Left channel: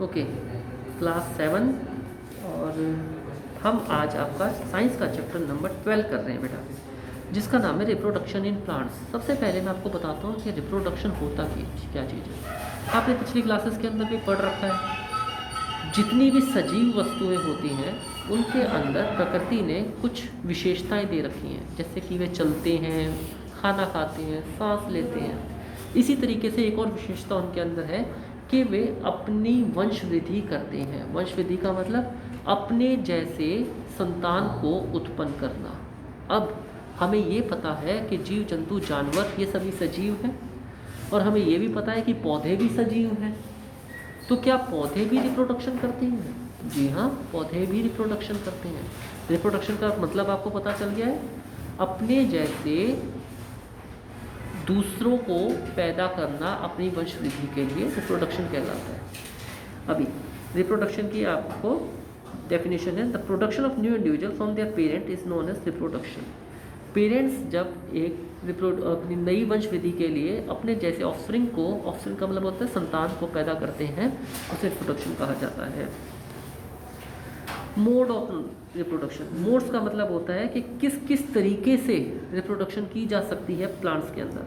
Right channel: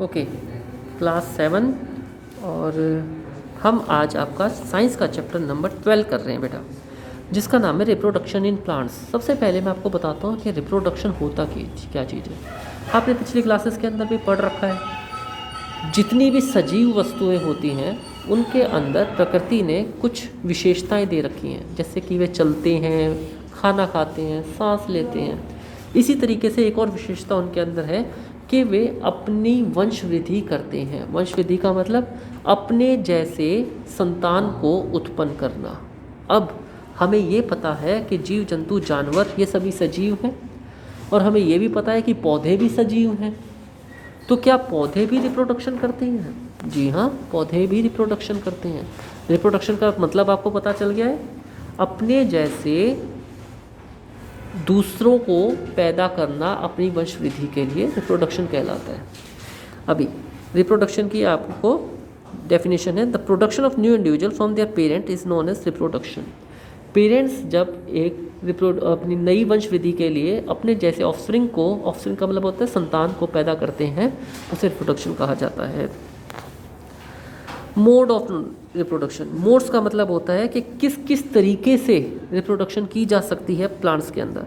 Okay, class 7 और हम आज आपका साइंस का चैप्टर नंबर 12 कर रहे हैं बेटा, जिसका नाम है रिप्रोडक्शन इन प्लांट्स। सबसे पहले मैं आपको बताता हूँ कि रिप्रोडक्शन होता क्या चीज़ है। आपने पिछली क्लासेस के अंदर भी पढ़ रखा है, जितनी भी सजीव वस्तुएं होती हैं उनके अंदर प्रकृति ने कुछ विशेषताएं दे रखी हैं, जैसे कि वे चलते हैं, खाना खाते हैं, सांस लेते हैं। इसी तरीके से एक और विशेषता उनके अंदर है कि वे अपनी वंश वृद्धि करते हैं। वंश वृद्धि का मतलब अपने जैसे संतान को उत्पन्न करना। अब हमें ये पता है कि जीव जंतु जानवर ये सभी सजीव हैं, और हमें ये भी पता है कि पौधे भी सजीव हैं। तो क्या पौधे भी रिप्रोडक्शन करते हैं? जी हाँ, पौधे भी रिप्रोडक्शन करते हैं। रिप्रोडक्शन का मतलब आपको पता चल गया है, अपने जैसे दूसरों को पैदा करना अपनी वंश वृद्धि के लिए रिप्रोडक्शन कहलाता है। अभी रिप्रोडक्शन की आपको डेफिनेशन है, the production of new individual from their parent is known as reproduction. Parents जब एक अपनी नई वंश वृद्धि के लिए अपने जैसे ऑफस्प्रिंग का मतलब होता है संतान को पैदा करते हैं, उसे रिप्रोडक्शन कहा जाता है। मोड ऑफ रिप्रोडक्शन, मोड्स का मतलब होता है कि किस किस तरीके से रिप्रोडक्शन की जा सकती है प्लांट्स के अंदर।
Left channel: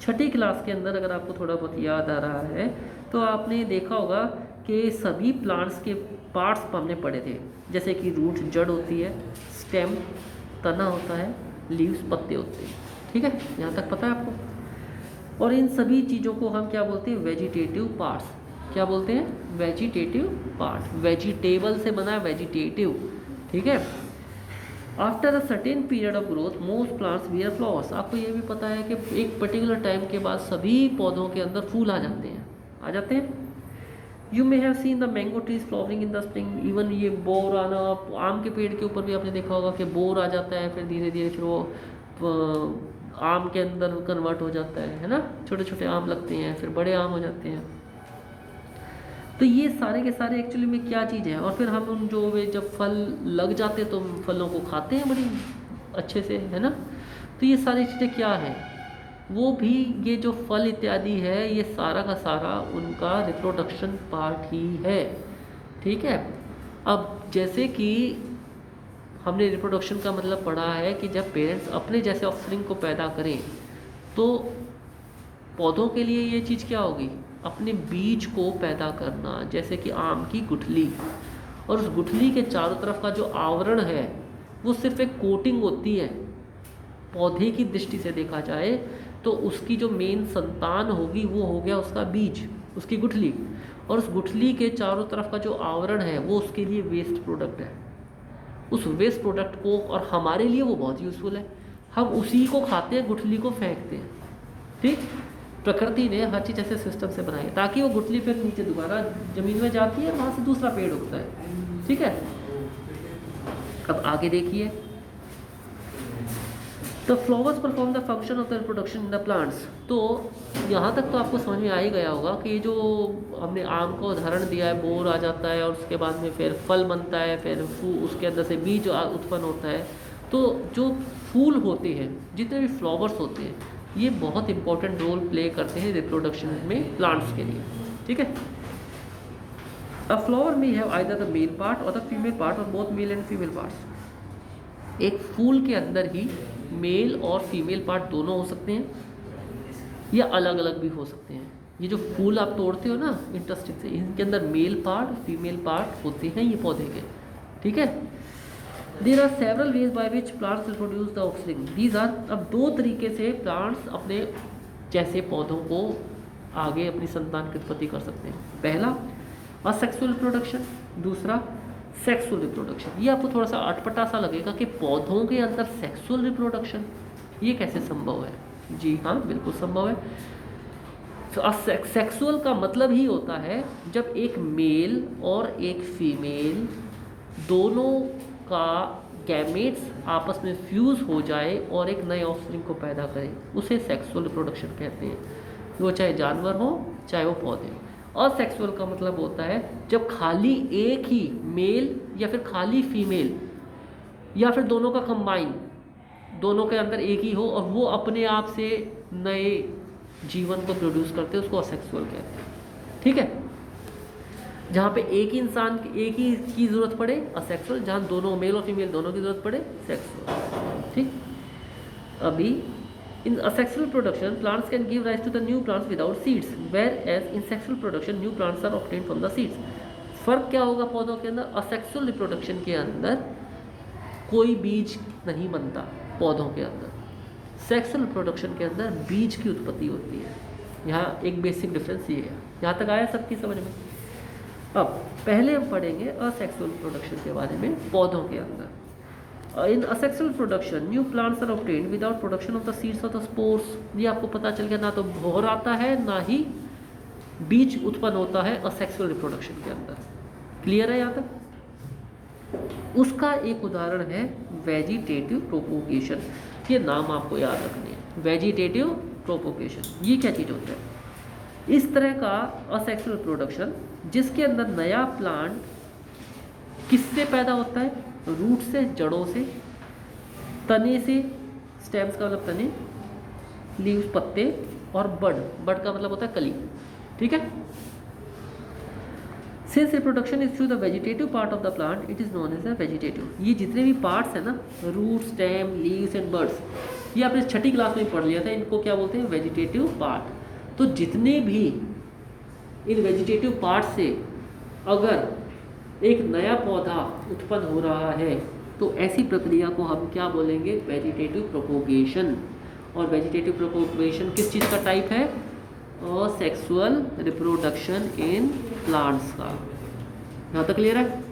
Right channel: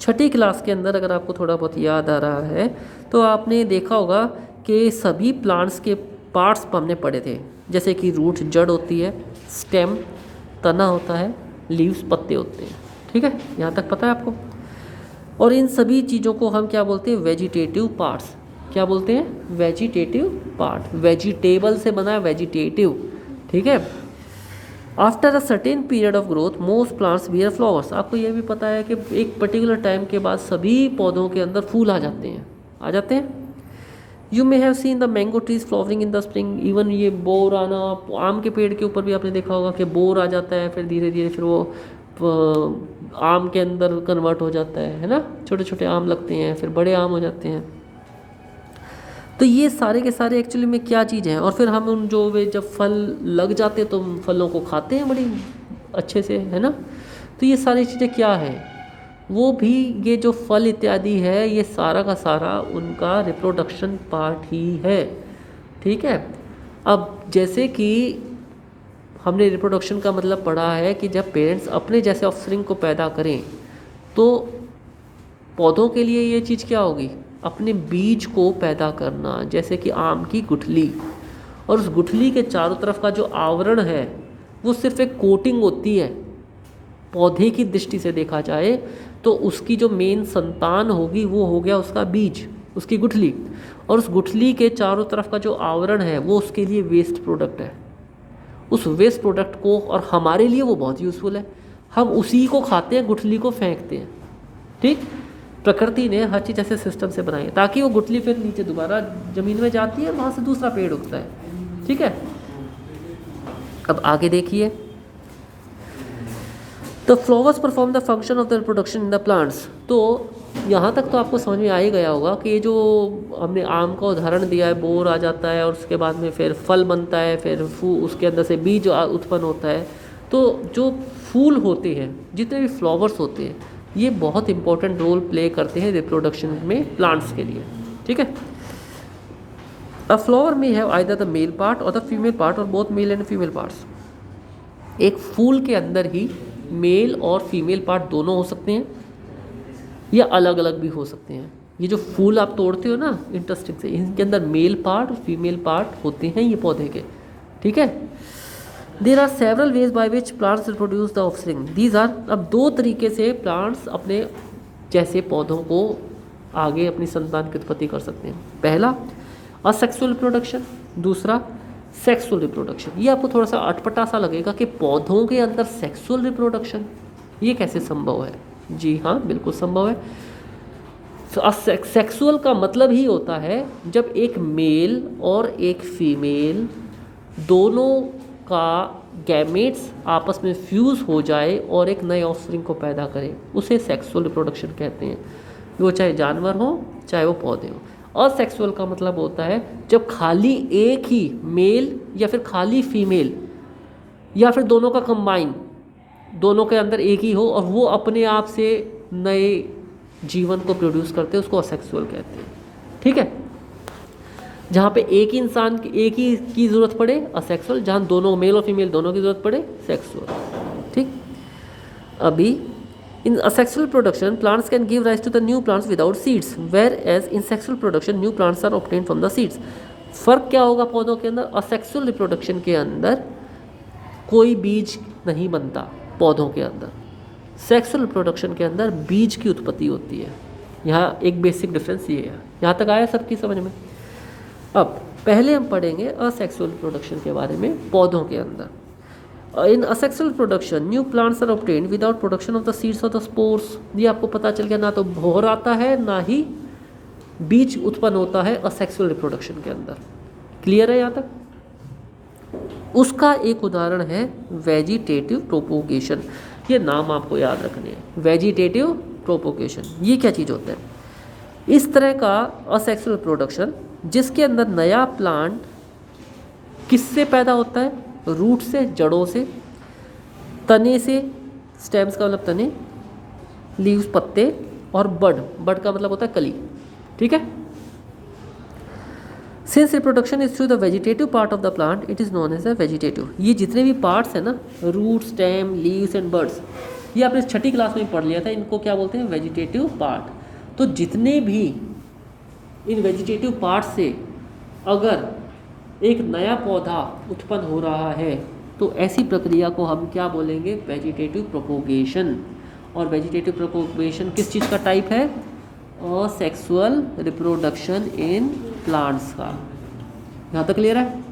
छठी क्लास के अंदर अगर आपको थोड़ा बहुत याद आ रहा है तो आपने देखा होगा कि सभी प्लांट्स के पार्ट्स हमने पढ़े थे, जैसे कि रूट जड़ होती है, स्टेम तना होता है, लीव्स पत्ते होते हैं। ठीक है, यहाँ तक पता है आपको। और इन सभी चीज़ों को हम क्या बोलते हैं? Vegetative parts. क्या बोलते हैं? Vegetative part. वेजिटेबल से बना है वेजिटेटिव। ठीक है। After a certain period of growth most plants beer flowers. आपको ये भी पता है कि एक पर्टिकुलर टाइम के बाद सभी पौधों के अंदर फूल आ जाते हैं। You may have seen the mango trees flowering in the spring. Even ये बोर आना, आम के पेड़ के ऊपर भी आपने देखा होगा कि बोर आ जाता है, फिर धीरे धीरे फिर वो आम के अंदर कन्वर्ट हो जाता है ना। छोटे छोटे आम लगते हैं, फिर बड़े आम हो जाते हैं। तो ये सारे के सारे एक्चुअली में क्या चीज़ है। और फिर हम उन जो वे जब फल लग जाते हैं तो हम फलों को खाते हैं बड़ी अच्छे से, है ना। तो ये सारी चीज़ें क्या है, वो भी ये जो फल इत्यादि है ये सारा का सारा उनका रिप्रोडक्शन पार्ट ही है। ठीक है। अब जैसे कि हमने रिप्रोडक्शन का मतलब पढ़ा है कि जब पेरेंट्स अपने जैसे ऑफस्प्रिंग को पैदा करें तो पौधों के लिए ये चीज़ क्या होगी? अपने बीज को पैदा करना, जैसे कि आम की गुठली। और उस गुठली के चारों तरफ का जो आवरण है वो सिर्फ एक कोटिंग होती है। पौधे की दृष्टि से देखा जाए तो उसकी जो मेन संतान होगी वो हो गया उसका बीज, उसकी गुठली। और उस गुठली के चारों तरफ का जो आवरण है वो उसके लिए वेस्ट प्रोडक्ट है। उस वेस्ट प्रोडक्ट को, और हमारे लिए वो बहुत यूज़फुल है, हम उसी को खाते हैं, गुठली को फेंकते हैं। ठीक, प्रकृति ने हर चीज़ ऐसे सिस्टम से बनाई है ताकि वो गुठली फिर नीचे दोबारा ज़मीन में जाती है, वहाँ से दूसरा पेड़ उगता है। ठीक है। अब आगे देखिए, the flowers perform the function of the reproduction in the plants. तो यहाँ तक तो आपको समझ में आ ही गया होगा कि ये जो हमने आम का उदाहरण दिया है, बोर आ जाता है और उसके बाद में फिर फल बनता है, फिर उसके अंदर से बीज उत्पन्न होता है। तो जो फूल होते हैं, जितने भी फ्लावर्स होते हैं, ये बहुत इंपॉर्टेंट रोल प्ले करते हैं रिप्रोडक्शन में प्लांट्स के लिए। ठीक है। अ फ्लावर में have either the mail part और द फीमेल पार्ट, और both male and female parts. एक फूल के अंदर ही मेल और फीमेल पार्ट दोनों हो सकते हैं, या अलग अलग भी हो सकते हैं। ये जो फूल आप तोड़ते हो ना इंटरेस्टिंग से, इनके अंदर मेल पार्ट और फीमेल पार्ट होते हैं ये पौधे के। ठीक है। There are several ways by which plants reproduce the offspring. These are, अब दो तरीके से प्लांट्स अपने जैसे पौधों को आगे अपनी संतान की उत्पत्ति कर सकते हैं। पहला असेक्सुअल रिप्रोडक्शन, दूसरा सेक्सुअल रिप्रोडक्शन। ये आपको थोड़ा सा अटपटा सा लगेगा कि पौधों के अंदर सेक्सुअल रिप्रोडक्शन ये कैसे संभव है। जी हाँ, बिल्कुल संभव है। सेक्सुअल का मतलब ही होता है जब एक मेल और एक फीमेल दोनों का गैमेट्स आपस में फ्यूज़ हो जाए और एक नए ऑफस्प्रिंग को पैदा करें, उसे सेक्सुअल रिप्रोडक्शन कहते हैं। वो चाहे जानवर हो चाहे वो पौधे हो। और सेक्सुअल का मतलब होता है जब खाली एक ही मेल या फिर खाली फीमेल या फिर दोनों का कंबाइन, दोनों के अंदर एक ही हो और वो अपने आप से नए जीवन को प्रोड्यूस करते हैं, उसको असेक्सुअल कहते हैं। ठीक है। जहाँ पे एक ही इंसान एक ही की ज़रूरत पड़े असेक्सुअल, जहाँ दोनों मेल और फीमेल दोनों की ज़रूरत पड़े सेक्सुअल। ठीक, अभी इन asexual production plants can give rise to the new plants without seeds, whereas in sexual production new plants are obtained from the seeds। फर्क क्या होगा पौधों के अंदर? असेक्सुअल रिप्रोडक्शन के अंदर कोई बीज नहीं बनता पौधों के अंदर, सेक्सुअल रिप्रोडक्शन के अंदर बीज की उत्पत्ति होती है। यहाँ एक बेसिक डिफरेंस ये है। यहाँ तक आया सबकी समझ में? अब पहले हम पढ़ेंगे असेक्सुअल रिप्रोडक्शन के बारे में पौधों के अंदर। In asexual production new plants are obtained without production of the seeds of the spores. ये आपको पता चल गया, ना तो भोर आता है ना ही बीज उत्पन्न होता है असेक्सुअल रिप्रोडक्शन के अंदर। क्लियर है यहाँ तक? उसका एक उदाहरण है वेजिटेटिव प्रोपोगेशन। ये नाम आपको याद रखने हैं, वेजिटेटिव प्रोपोगेशन। ये क्या चीज़ होता है? इस तरह का असेक्सुअल प्रोडक्शन जिसके अंदर नया प्लांट किससे पैदा होता है? रूट से, जड़ों से, तने से, स्टेम्स का मतलब तने, लीव्स पत्ते, और बड का मतलब होता है कली। ठीक है। Since reproduction is through the vegetative part of the plant it is known as a vegetative. ये जितने भी पार्ट्स हैं ना, root, stem, leaves and buds, ये आपने छठी क्लास में पढ़ लिया था, इनको क्या बोलते हैं? Vegetative part. तो जितने भी इन वेजिटेटिव पार्ट से अगर एक नया पौधा उत्पन्न हो रहा है तो ऐसी प्रक्रिया को हम क्या बोलेंगे? Vegetative propagation. और वेजिटेटिव प्रोपोगेशन किस चीज़ का टाइप है? असेक्सुअल रिप्रोडक्शन इन प्लांट्स का। यहाँ तक क्लियर है?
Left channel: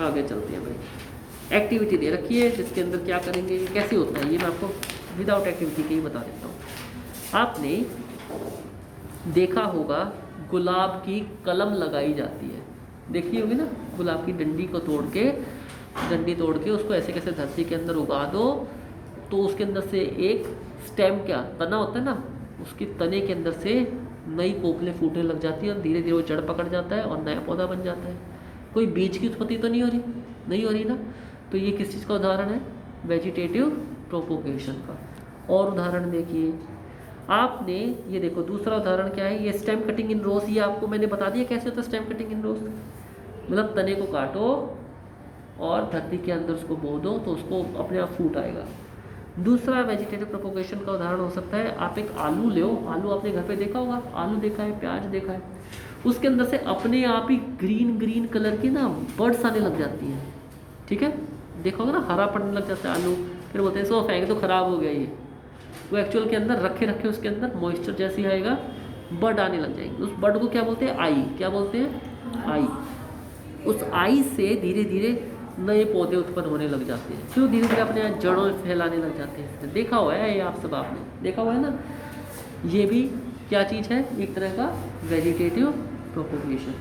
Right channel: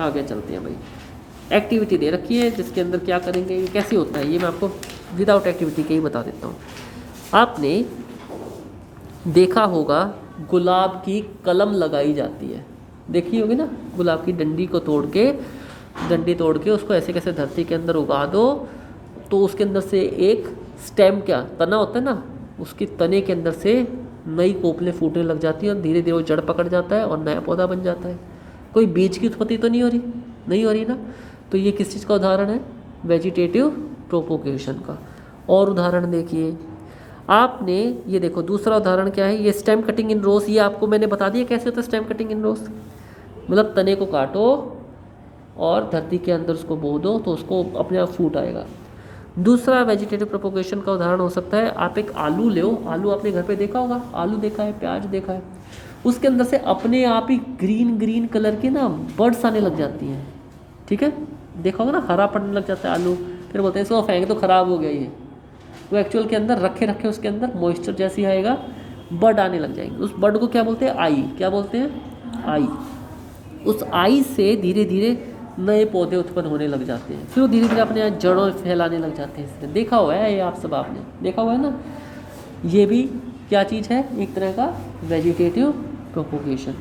आगे चलते हैं भाई। एक्टिविटी दे रखी है जिसके अंदर क्या करेंगे, ये कैसे होता है, ये मैं आपको विदाउट एक्टिविटी के ही बता देता हूँ। आपने देखा होगा गुलाब की कलम लगाई जाती है, देखी होगी ना? गुलाब की डंडी तोड़ के उसको ऐसे कैसे धरती के अंदर उगा दो तो उसके अंदर से एक स्टेम, क्या तना होता है ना, उसकी तने के अंदर से नई कोपलें फूटने लग जाती है और धीरे धीरे वो जड़ पकड़ जाता है और नया पौधा बन जाता है। कोई बीज की उत्पत्ति तो नहीं हो रही ना। तो ये किस चीज़ का उदाहरण है? वेजिटेटिव प्रोपोगेशन का। और उदाहरण देखिए, आपने ये देखो दूसरा उदाहरण क्या है? ये स्टेम कटिंग इन रोज। ये आपको मैंने बता दिया कैसे होता है स्टेम कटिंग इन रोज। मतलब तने को काटो और धरती के अंदर उसको बो दो तो उसको अपने आप फूट आएगा। दूसरा वेजिटेटिव प्रोपोगेशन का उदाहरण हो सकता है, आप एक आलू ले, आलू आपने घर पे देखा होगा, आलू देखा है, प्याज देखा है, उसके अंदर से अपने आप ही ग्रीन कलर के ना बर्ड्स आने लग जाती हैं। ठीक है, देखा होगा ना, हरा पड़ने लग जाता है आलू, फिर बोलते हैं इसको फेंक तो ख़राब हो गया ये। वो एक्चुअल के अंदर रखे उसके अंदर मॉइस्चर जैसी आएगा, बर्ड आने लग जाएंगे। उस बर्ड को क्या बोलते हैं? आई। क्या बोलते हैं? आई। उस आई से धीरे धीरे नए पौधे उत्पन्न होने लग जाते हैं, फिर धीरे धीरे अपने जड़ों फैलाने लग जाते हैं। देखा हुआ है ये, आप सब आपने देखा हुआ है ना। ये भी क्या चीज़ है? एक तरह का वेजिटेटिव प्रोपोगेशन।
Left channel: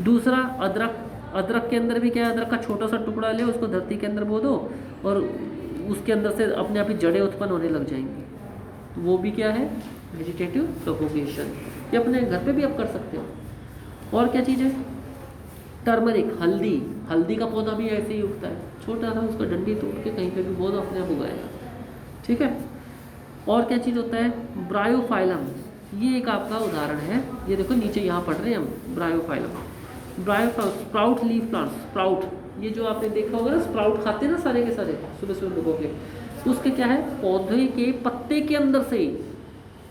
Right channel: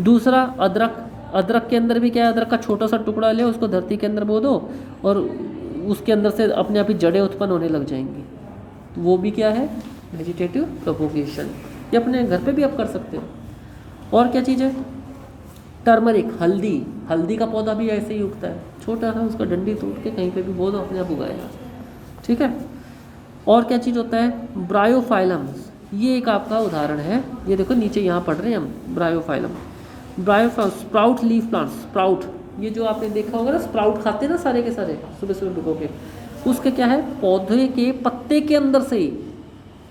दूसरा अदरक के अंदर भी क्या है? अदरक का छोटा सा टुकड़ा ले, उसको धरती के अंदर बो दो और उसके अंदर से अपने आप ही जड़ें उत्पन्न होने लग जाएंगी। तो वो भी क्या है? Vegetative propagation. ये अपने घर पे भी आप कर सकते हो। और क्या चीज़ है? टर्मरिक, हल्दी का पौधा भी ऐसे ही उगता है, छोटा सा, उसका डंडी तोड़ के कहीं पे भी बो दो, अपने आप उगाएगा। ठीक है। और क्या चीज़ होता है? ब्रायोफाइलम्स। ये एक आपका उदाहरण है, ये देखो नीचे यहाँ पढ़ रहे हैं हम। Bryophyllum, sprout leaf plant. Sprout, ये जो आपने देखा होगा ना, स्प्राउट खाते हैं ना सारे के सारे सुबह सुबह भिगो के, उसके क्या है? पौधे के पत्ते के अंदर से ही,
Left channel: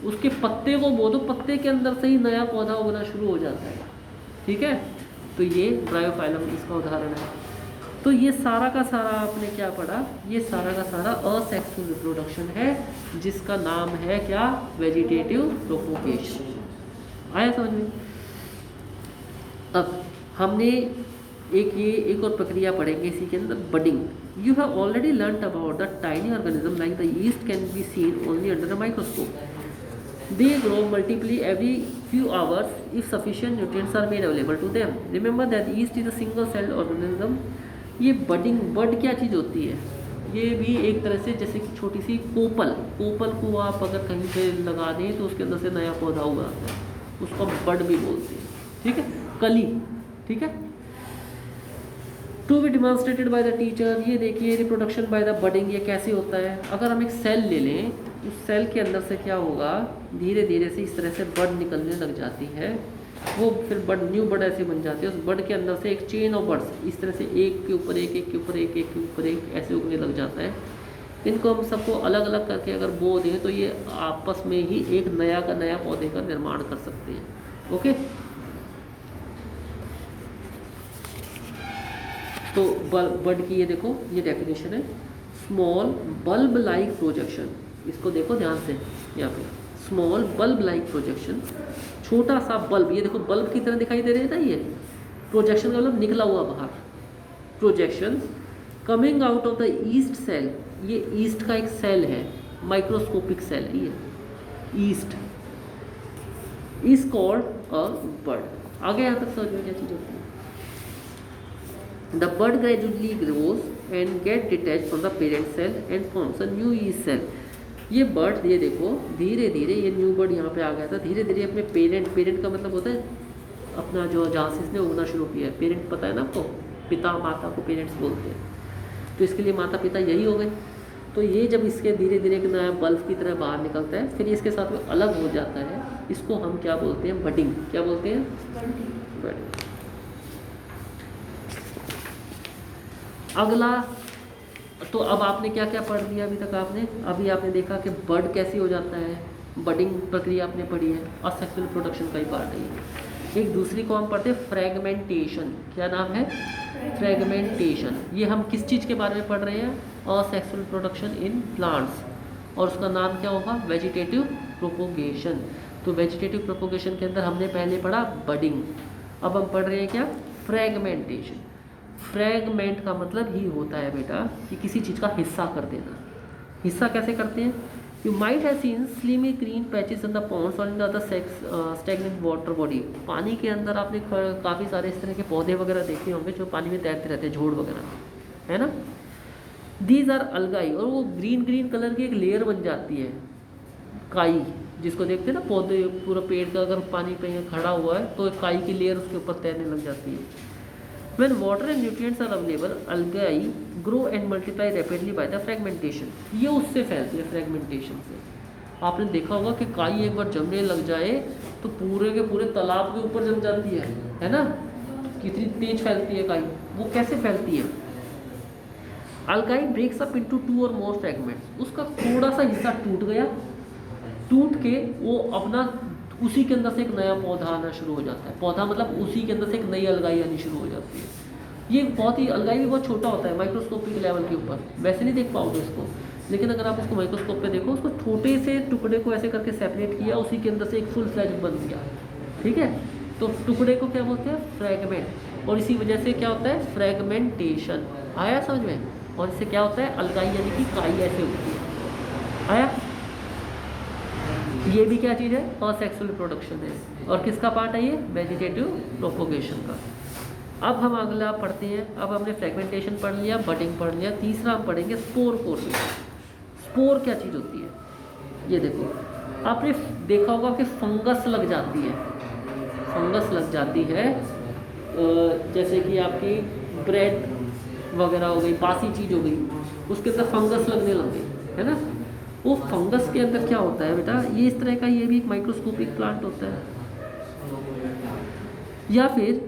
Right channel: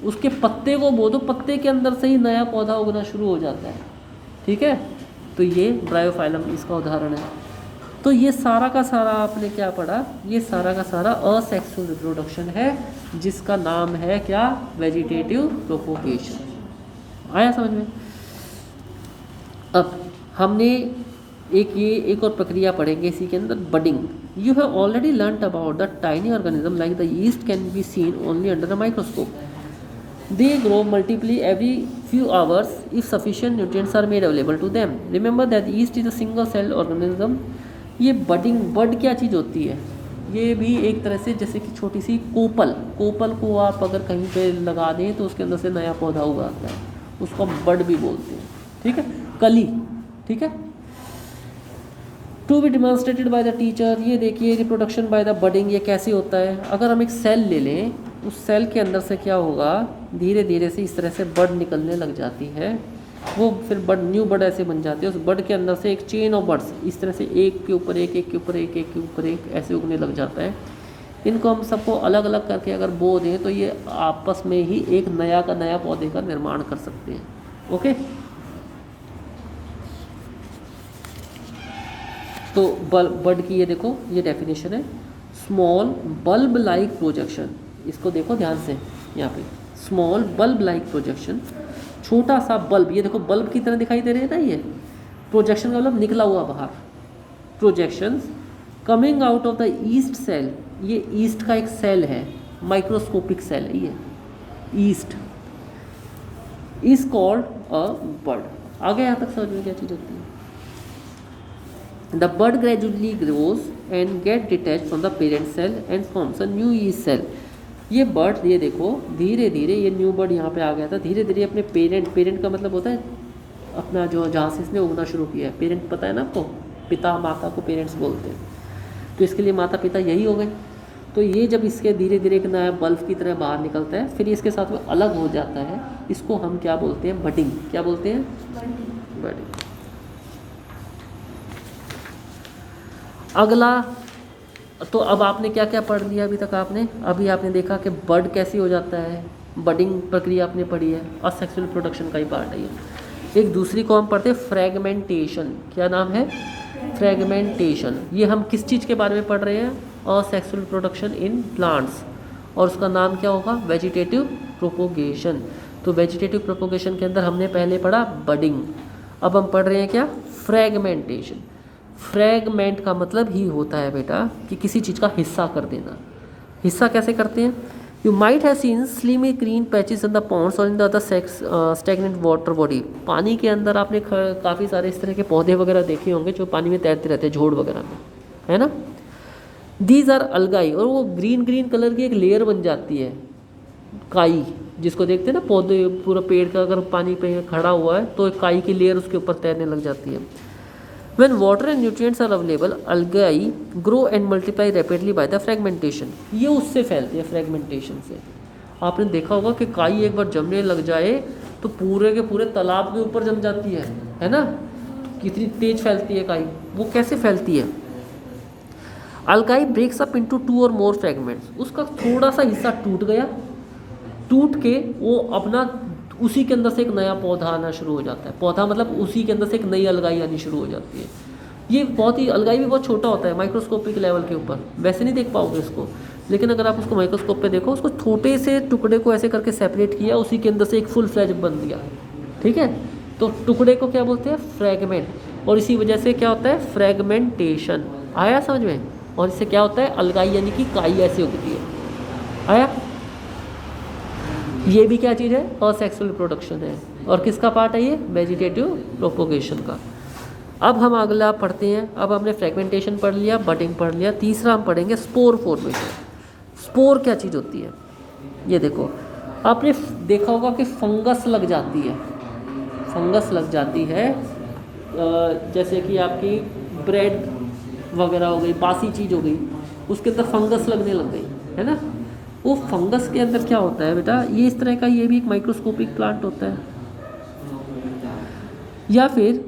उसके पत्ते को बो दो, पत्ते के अंदर से ही नया पौधा उगना शुरू हो जाता है। ठीक है, तो ये ब्रायोफाइलम इसका उदाहरण है। तो ये सारा का सारा आपने क्या पढ़ा? ये सारा का सारा असेक्सुअल रिप्रोडक्शन है जिसका नाम है क्या? Vegetative propagation. आया समझ में? अब हमने एक और प्रक्रिया पढ़ेंगे इसी के अंदर, budding. You have already learned about the tiny organism like the yeast can be seen only under a microscope. They grow multiply every few hours if sufficient nutrients are made available to them. Remember that yeast is a single cell organism. ये बड क्या चीज़ होती है? ये भी एक तरह से जैसे कि छोटी सी कोपल को आप अगर कहीं पे लगा दें तो उसके अंदर से नया पौधा उगाता है, उसको बड भी बोलते हैं। ठीक है, कली। ठीक है, to be demonstrated by the teacher. ये देखिए रिप्रोडक्शन बाय द बडिंग, ये कैसे होता है? अगर हम एक सेल ले लें, उस सेल के अंदर से क्या होगा? धीरे धीरे से इस तरह से बड निकलने लग जाती है वो फिर बर्ड, न्यू बर्ड ऐसे बन जाते हैं। उस बर्ड के अंदर से एक चेन ऑफ बर्ड्स इस तरह से एक के ऊपर एक, एक के ऊपर एक, एक के ऊपर एक ऐसे उगने लग जाता है। इनको हम सबको अलग अलग करके अगर बो दें तो ये आपस में ही एक नया का नया पौधे का निर्माण कर सकते हैं। ओके, तो बर्ड की ये देखो ये डेफिनेशन है, स्मॉल बल्ब लाइक प्रोजेक्शन। इसको देखो ध्यान से, यहाँ पे स्मॉल बल्ब लाइक प्रोजेक्शन, छोटा सा बल्ब, ये देखो बल्ब की तरह दिखाई दे रही है ना, ये प्रोजेक्शन का मतलब निकला हुआ बाहर, projection coming out of the yeast cell. ये ईस्ट का एक सेल है, माइक्रोस्कोपिक सेल है ये, yeast is called a bud. आगे यहाँ तक समझ में क्या चीज़ होती है? The bud gradually grows and get detach from the parent cell and forms a new yeast cell. ये बर्ड, ये देखो धीरे धीरे ये न्यू बर्ड यहाँ पे आ गया था, धीरे धीरे अपने पेरेंट का मतलब होता है अपना जो जहाँ से इसने उगना शुरू किया है। पेरेंट पता है ना आपको, पिता माता को पेरेंट्स बोलते हैं, तो इसके लिए माता पिता यही हो गए। तो ये जब इसके धीरे धीरे एक नया बल्ब की तरह बाहर निकलता है, फिर इसके साथ में अलग हो जाता है, इसको हम क्या बोलते हैं? बडिंग। क्या बोलते हैं? बडिंग। अगला, तो अब आपने क्या क्या पढ़ लिया अभी तक? अभी आपने देखा कि बर्ड कैसे हो जाता है, बडिंग प्रक्रिया आपने पढ़ी है, असेक्सुअल प्रोडक्शन का ही पार्ट है ये। एक दूसरी को हम पढ़ते हैं फ्रेगमेंटेशन। क्या नाम है? फ्रेगमेंटेशन। ये हम किस चीज़ के बारे में पढ़ रहे हैं? असेक्सुअल प्रोडक्शन इन प्लांट्स, और उसका नाम क्या होगा? Vegetative propagation. तो वेजिटेटिव प्रोपोगेशन के अंदर हमने पहले पढ़ा बडिंग, अब हम पढ़ रहे हैं क्या? फ्रेगमेंटेशन। फ्रैगमेंट का मतलब ही होता है बेटा कि किसी चीज़ का हिस्सा कर देना। हिस्सा कैसे करते हैं? You might have seen slimy green patches in the ponds और in the other stagnant water body. पानी के अंदर आपने काफ़ी सारे इस तरह के पौधे वगैरह देखे होंगे जो पानी में तैरते रहते हैं, झोड़ वगैरह में, है ना। दीज आर अलगाई, और वो ग्रीन ग्रीन कलर की एक लेयर बन जाती है, काई, जिसको देखते हैं ना पौधे, पूरा पेड़ का अगर पानी पे खड़ा हुआ है तो काई की लेयर उसके ऊपर तैरने लग जाती है। When water and nutrients are available, algae grow and multiply rapidly by the fragmentation. ये उससे फैलती है, फ्रेगमेंटेशन से। आपने देखा होगा कि काई एक बार जमने लग जाए तो पूरे के पूरे तालाब के ऊपर जम जाती है ना। कितनी तेज फैलती है काई। वो कैसे फैलती है? algae breaks up into 2 or more fragments. उसका थोड़ा सा हिस्सा टूट गया, टूट के वो अपना उसी के अंदर से एक नया पौधा आना शुरू हो जाता है। पौधा मतलब उसी के अंदर से एक नई अलगाई आनी शुरू हो जाती है। ये बहुत ही, अलगाई भी बहुत छोटा होता है, माइक्रोस्कोपिक लेवल के ऊपर, वैसे नहीं देख पाओगे इसको, लेकिन अगर आप उसको माइक्रोस्कोप पे देखो, उसको छोटे से टुकड़े को ऐसे करके सेपरेट किया, उसी के अंदर से एक फुल फ्लैज बन दिया, ठीक है। तो टुकड़े को क्या बोलते हैं? फ्रैगमेंट, और इसी वजह से क्या होता है? फ्रैगमेंटेशन। आया समझ में? और इससे क्या होता है? अलगाई यानी कि काई ऐसे होती है। आया? ये भी क्या चीज़ है? असेक्सुअल प्रोडक्शन है। और किसका पार्ट है ये? वेजिटेटिव प्रोपोगेशन का। अब हम अगला पढ़ते हैं। अब हमने फ्रेगमेंटेशन पढ़ लिया, बडिंग पढ़ लिया, तीसरा हम पढ़ेंगे स्पोर फॉर्मेशन। स्पोर क्या चीज़ होती है? ये देखो, आपने देखा होगा कि फंगस लग जाती है, फंगस लग जाती है, जैसे कि आपकी ब्रेड वगैरह हो गई, बासी चीज़ हो गई, उसके अंदर फंगस लगने लग गई, है ना। वो फंगस के अंदर क्या होता है बेटा? ये इस तरह का, ये भी एक माइक्रोस्कोपिक प्लांट होता है। या फिर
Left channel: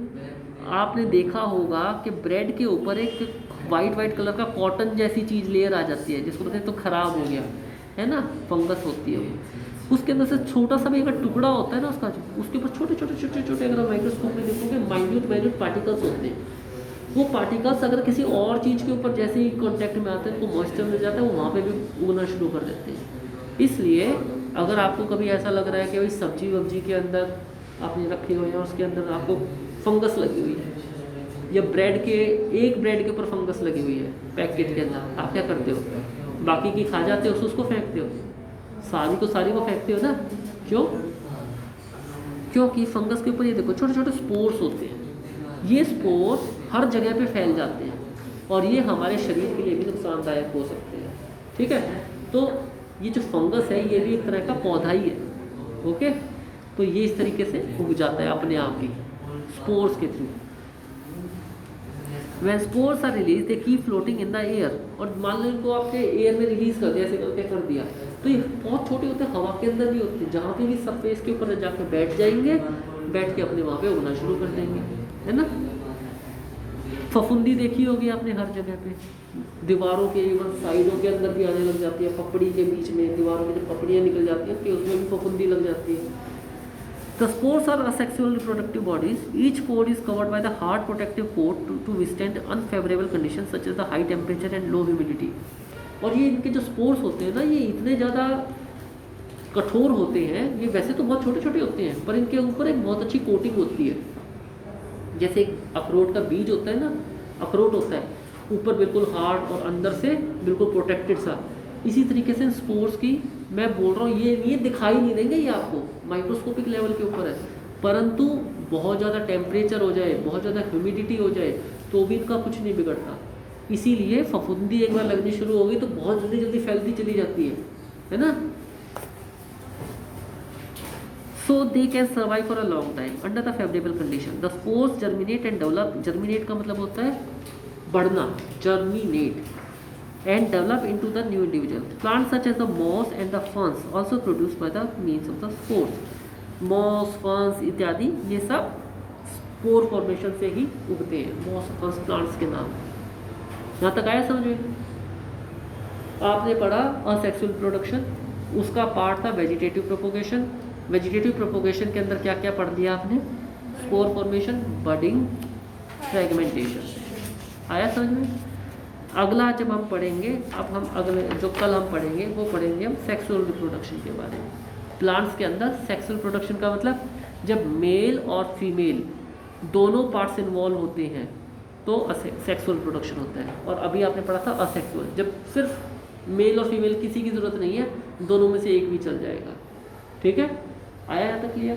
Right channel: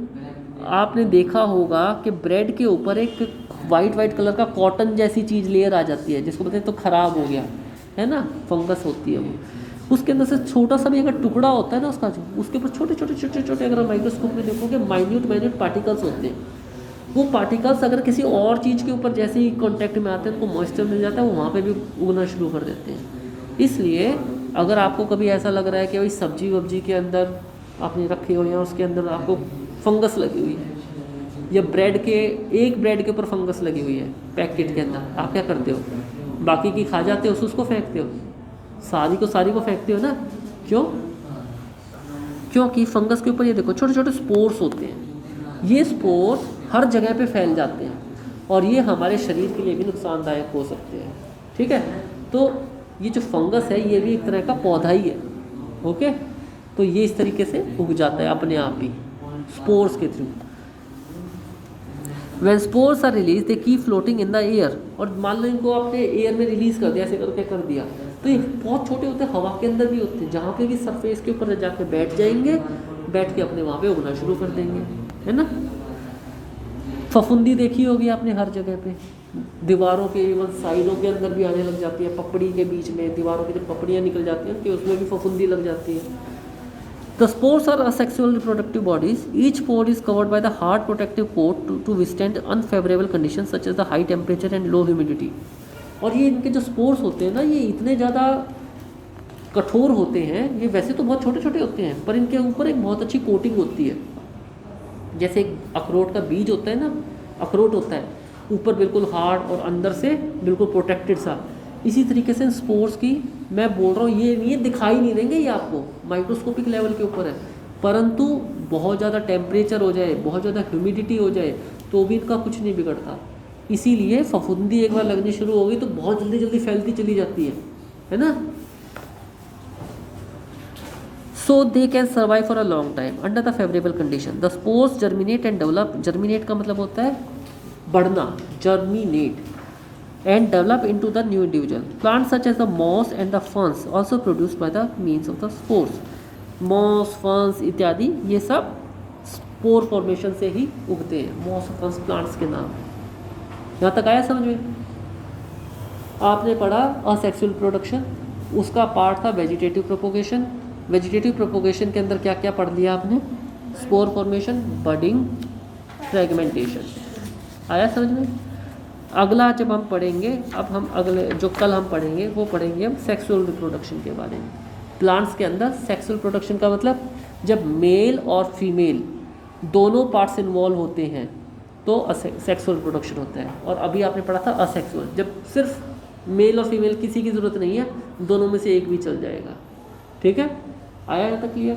आपने देखा होगा कि ब्रेड के ऊपर एक वाइट कलर का कॉटन जैसी चीज़ लेयर आ जाती है, जिसको बताते हैं तो ख़राब हो गया, है ना, फंगस होती है वो। उसके अंदर से छोटा सा भी अगर टुकड़ा होता है ना उसका, उसके ऊपर छोटे छोटे अगर माइक्रोस्कोप में देखोगे माइन्यूट पार्टिकल्स होते हैं। वो पार्टिकल्स अगर किसी और चीज़ के ऊपर जैसे ही कांटेक्ट में आते हैं तो मॉइस्चर मिल जाता है, वो वहाँ पे भी उगना शुरू कर देते हैं। इसलिए अगर आपको कभी ऐसा लग रहा है कि भाई सब्जी वब्जी के अंदर आपने रखी हुई है, उसके अंदर आपको फंगस लगी हुई है, या ब्रेड के ऊपर फंगस लगी हुई है पैकेट के अंदर, आप क्या करते हो? बाकी की खा जाते हो, उसको फेंकते हो, सारी को फेंकते हो ना। क्यों? क्योंकि फंगस के ऊपर ये देखो छोटे छोटे स्पोर्स होते हैं। ये स्पोर हर जगह पे फैल जाते हैं और ये हमारे शरीर के लिए भी नुकसानदायक हो सकते हैं, ठीक है। तो ये जो फंगस है ये भी एक तरह का पौधा ही है, ओके। तो ये इस तरीके से उग जाता है अपने आप ही स्पोर्स के through. When spores are released, they keep floating in the air। और मान लो इनको आपने एयर में रिलीज कर दिया, ऐसे करके कर दिया, तो ये बहुत छोटे होते हैं, हवा के अंदर भी होते हैं, जहाँ पे भी सरफेस के ऊपर जाके बैठ जाएंगे बैठ के अपने वहाँ पे उगना शुरू कर देंगे, है ना। फफूंदी देखी होगी आपने हर जगह पे, दीवारों के इवन साइडों के अंदर भी आने लग जाती है, पपड़ी के बीच में दीवारों की जब पपड़ियाँ निकल जाती हैं कि उसमें भी फफूंदी लग जाती है। The spores are asexual reproductive bodies. Each spore is covered by the hard protective coat to withstand unfavorable conditions such as the high temperature and low humidity. और ये इनके जो स्पोर्स होते हैं ना, ये इतने ज़्यादा कठोर होते हैं, ये वैसे तो बहुत छोटे छोटे होते हैं पर इनके ऊपर एक बहुत अच्छी कोटिंग होती है। जैसे अखरोट का बीज होता है ना, अखरोट होता है ऊपर बिल्कुल हार्ड और अंदर से बिल्कुल प्रोटेक्टेड सा, इसी तरीके से स्पोर्स की मैं बोल रहा हूँ, ये दिखाई नहीं देंगे, ये आपको माइक्रोस्कोपिक लेवल के ऊपर है, परंतु बहुत ज़्यादा टेम्परेचर हो जाए, बहुत ज़्यादा ह्यूमिडिटी हो जाए तो भी इनका कुछ नहीं बिगड़ता। इसीलिए फफूंदी एक बार लगनी शुरू होगी तो बहुत जल्दी जल्दी फैलती चली जाती है ना। So they can survive for a long time under the favourable condition. The spores germinate and develop, germinate का मतलब होता है बढ़ना, germinate, and develop into the new individual. Plants such as the moss and the ferns also produced by the means of the spores. Moss, ferns इत्यादि ये सब spore formation से ही उगते हैं। मॉस, फर्न्स प्लांट्स के नाम। यहाँ तक आया समझ में? आपने पढ़ा असेक्सुअल प्रोडक्शन, उसका पार्ट था वेजिटेटिव प्रोपोगेशन। वेजिटेटिव प्रोपोगेशन के अंदर क्या क्या पढ़ लिया आपने? Spore formation, budding, fragmentation. आया समझ में? अगला जब हम पढ़ेंगे, अब हम अगले जो कल हम पढ़ेंगे वो पढ़ेंगे हम सेक्सुअल रिप्रोडक्शन के बारे में। प्लांट्स के अंदर सेक्सुअल प्रोडक्शन का मतलब जब मेल और फीमेल दोनों पार्ट्स इन्वॉल्व होते हैं तो सेक्सुअल प्रोडक्शन होता है। और अभी आपने पढ़ा था असेक्सुअल, जब सिर्फ मेल और फीमेल किसी की ज़रूरत नहीं है, दोनों में से एक भी चल जाएगा। ठीक है, आया है तो क्लियर?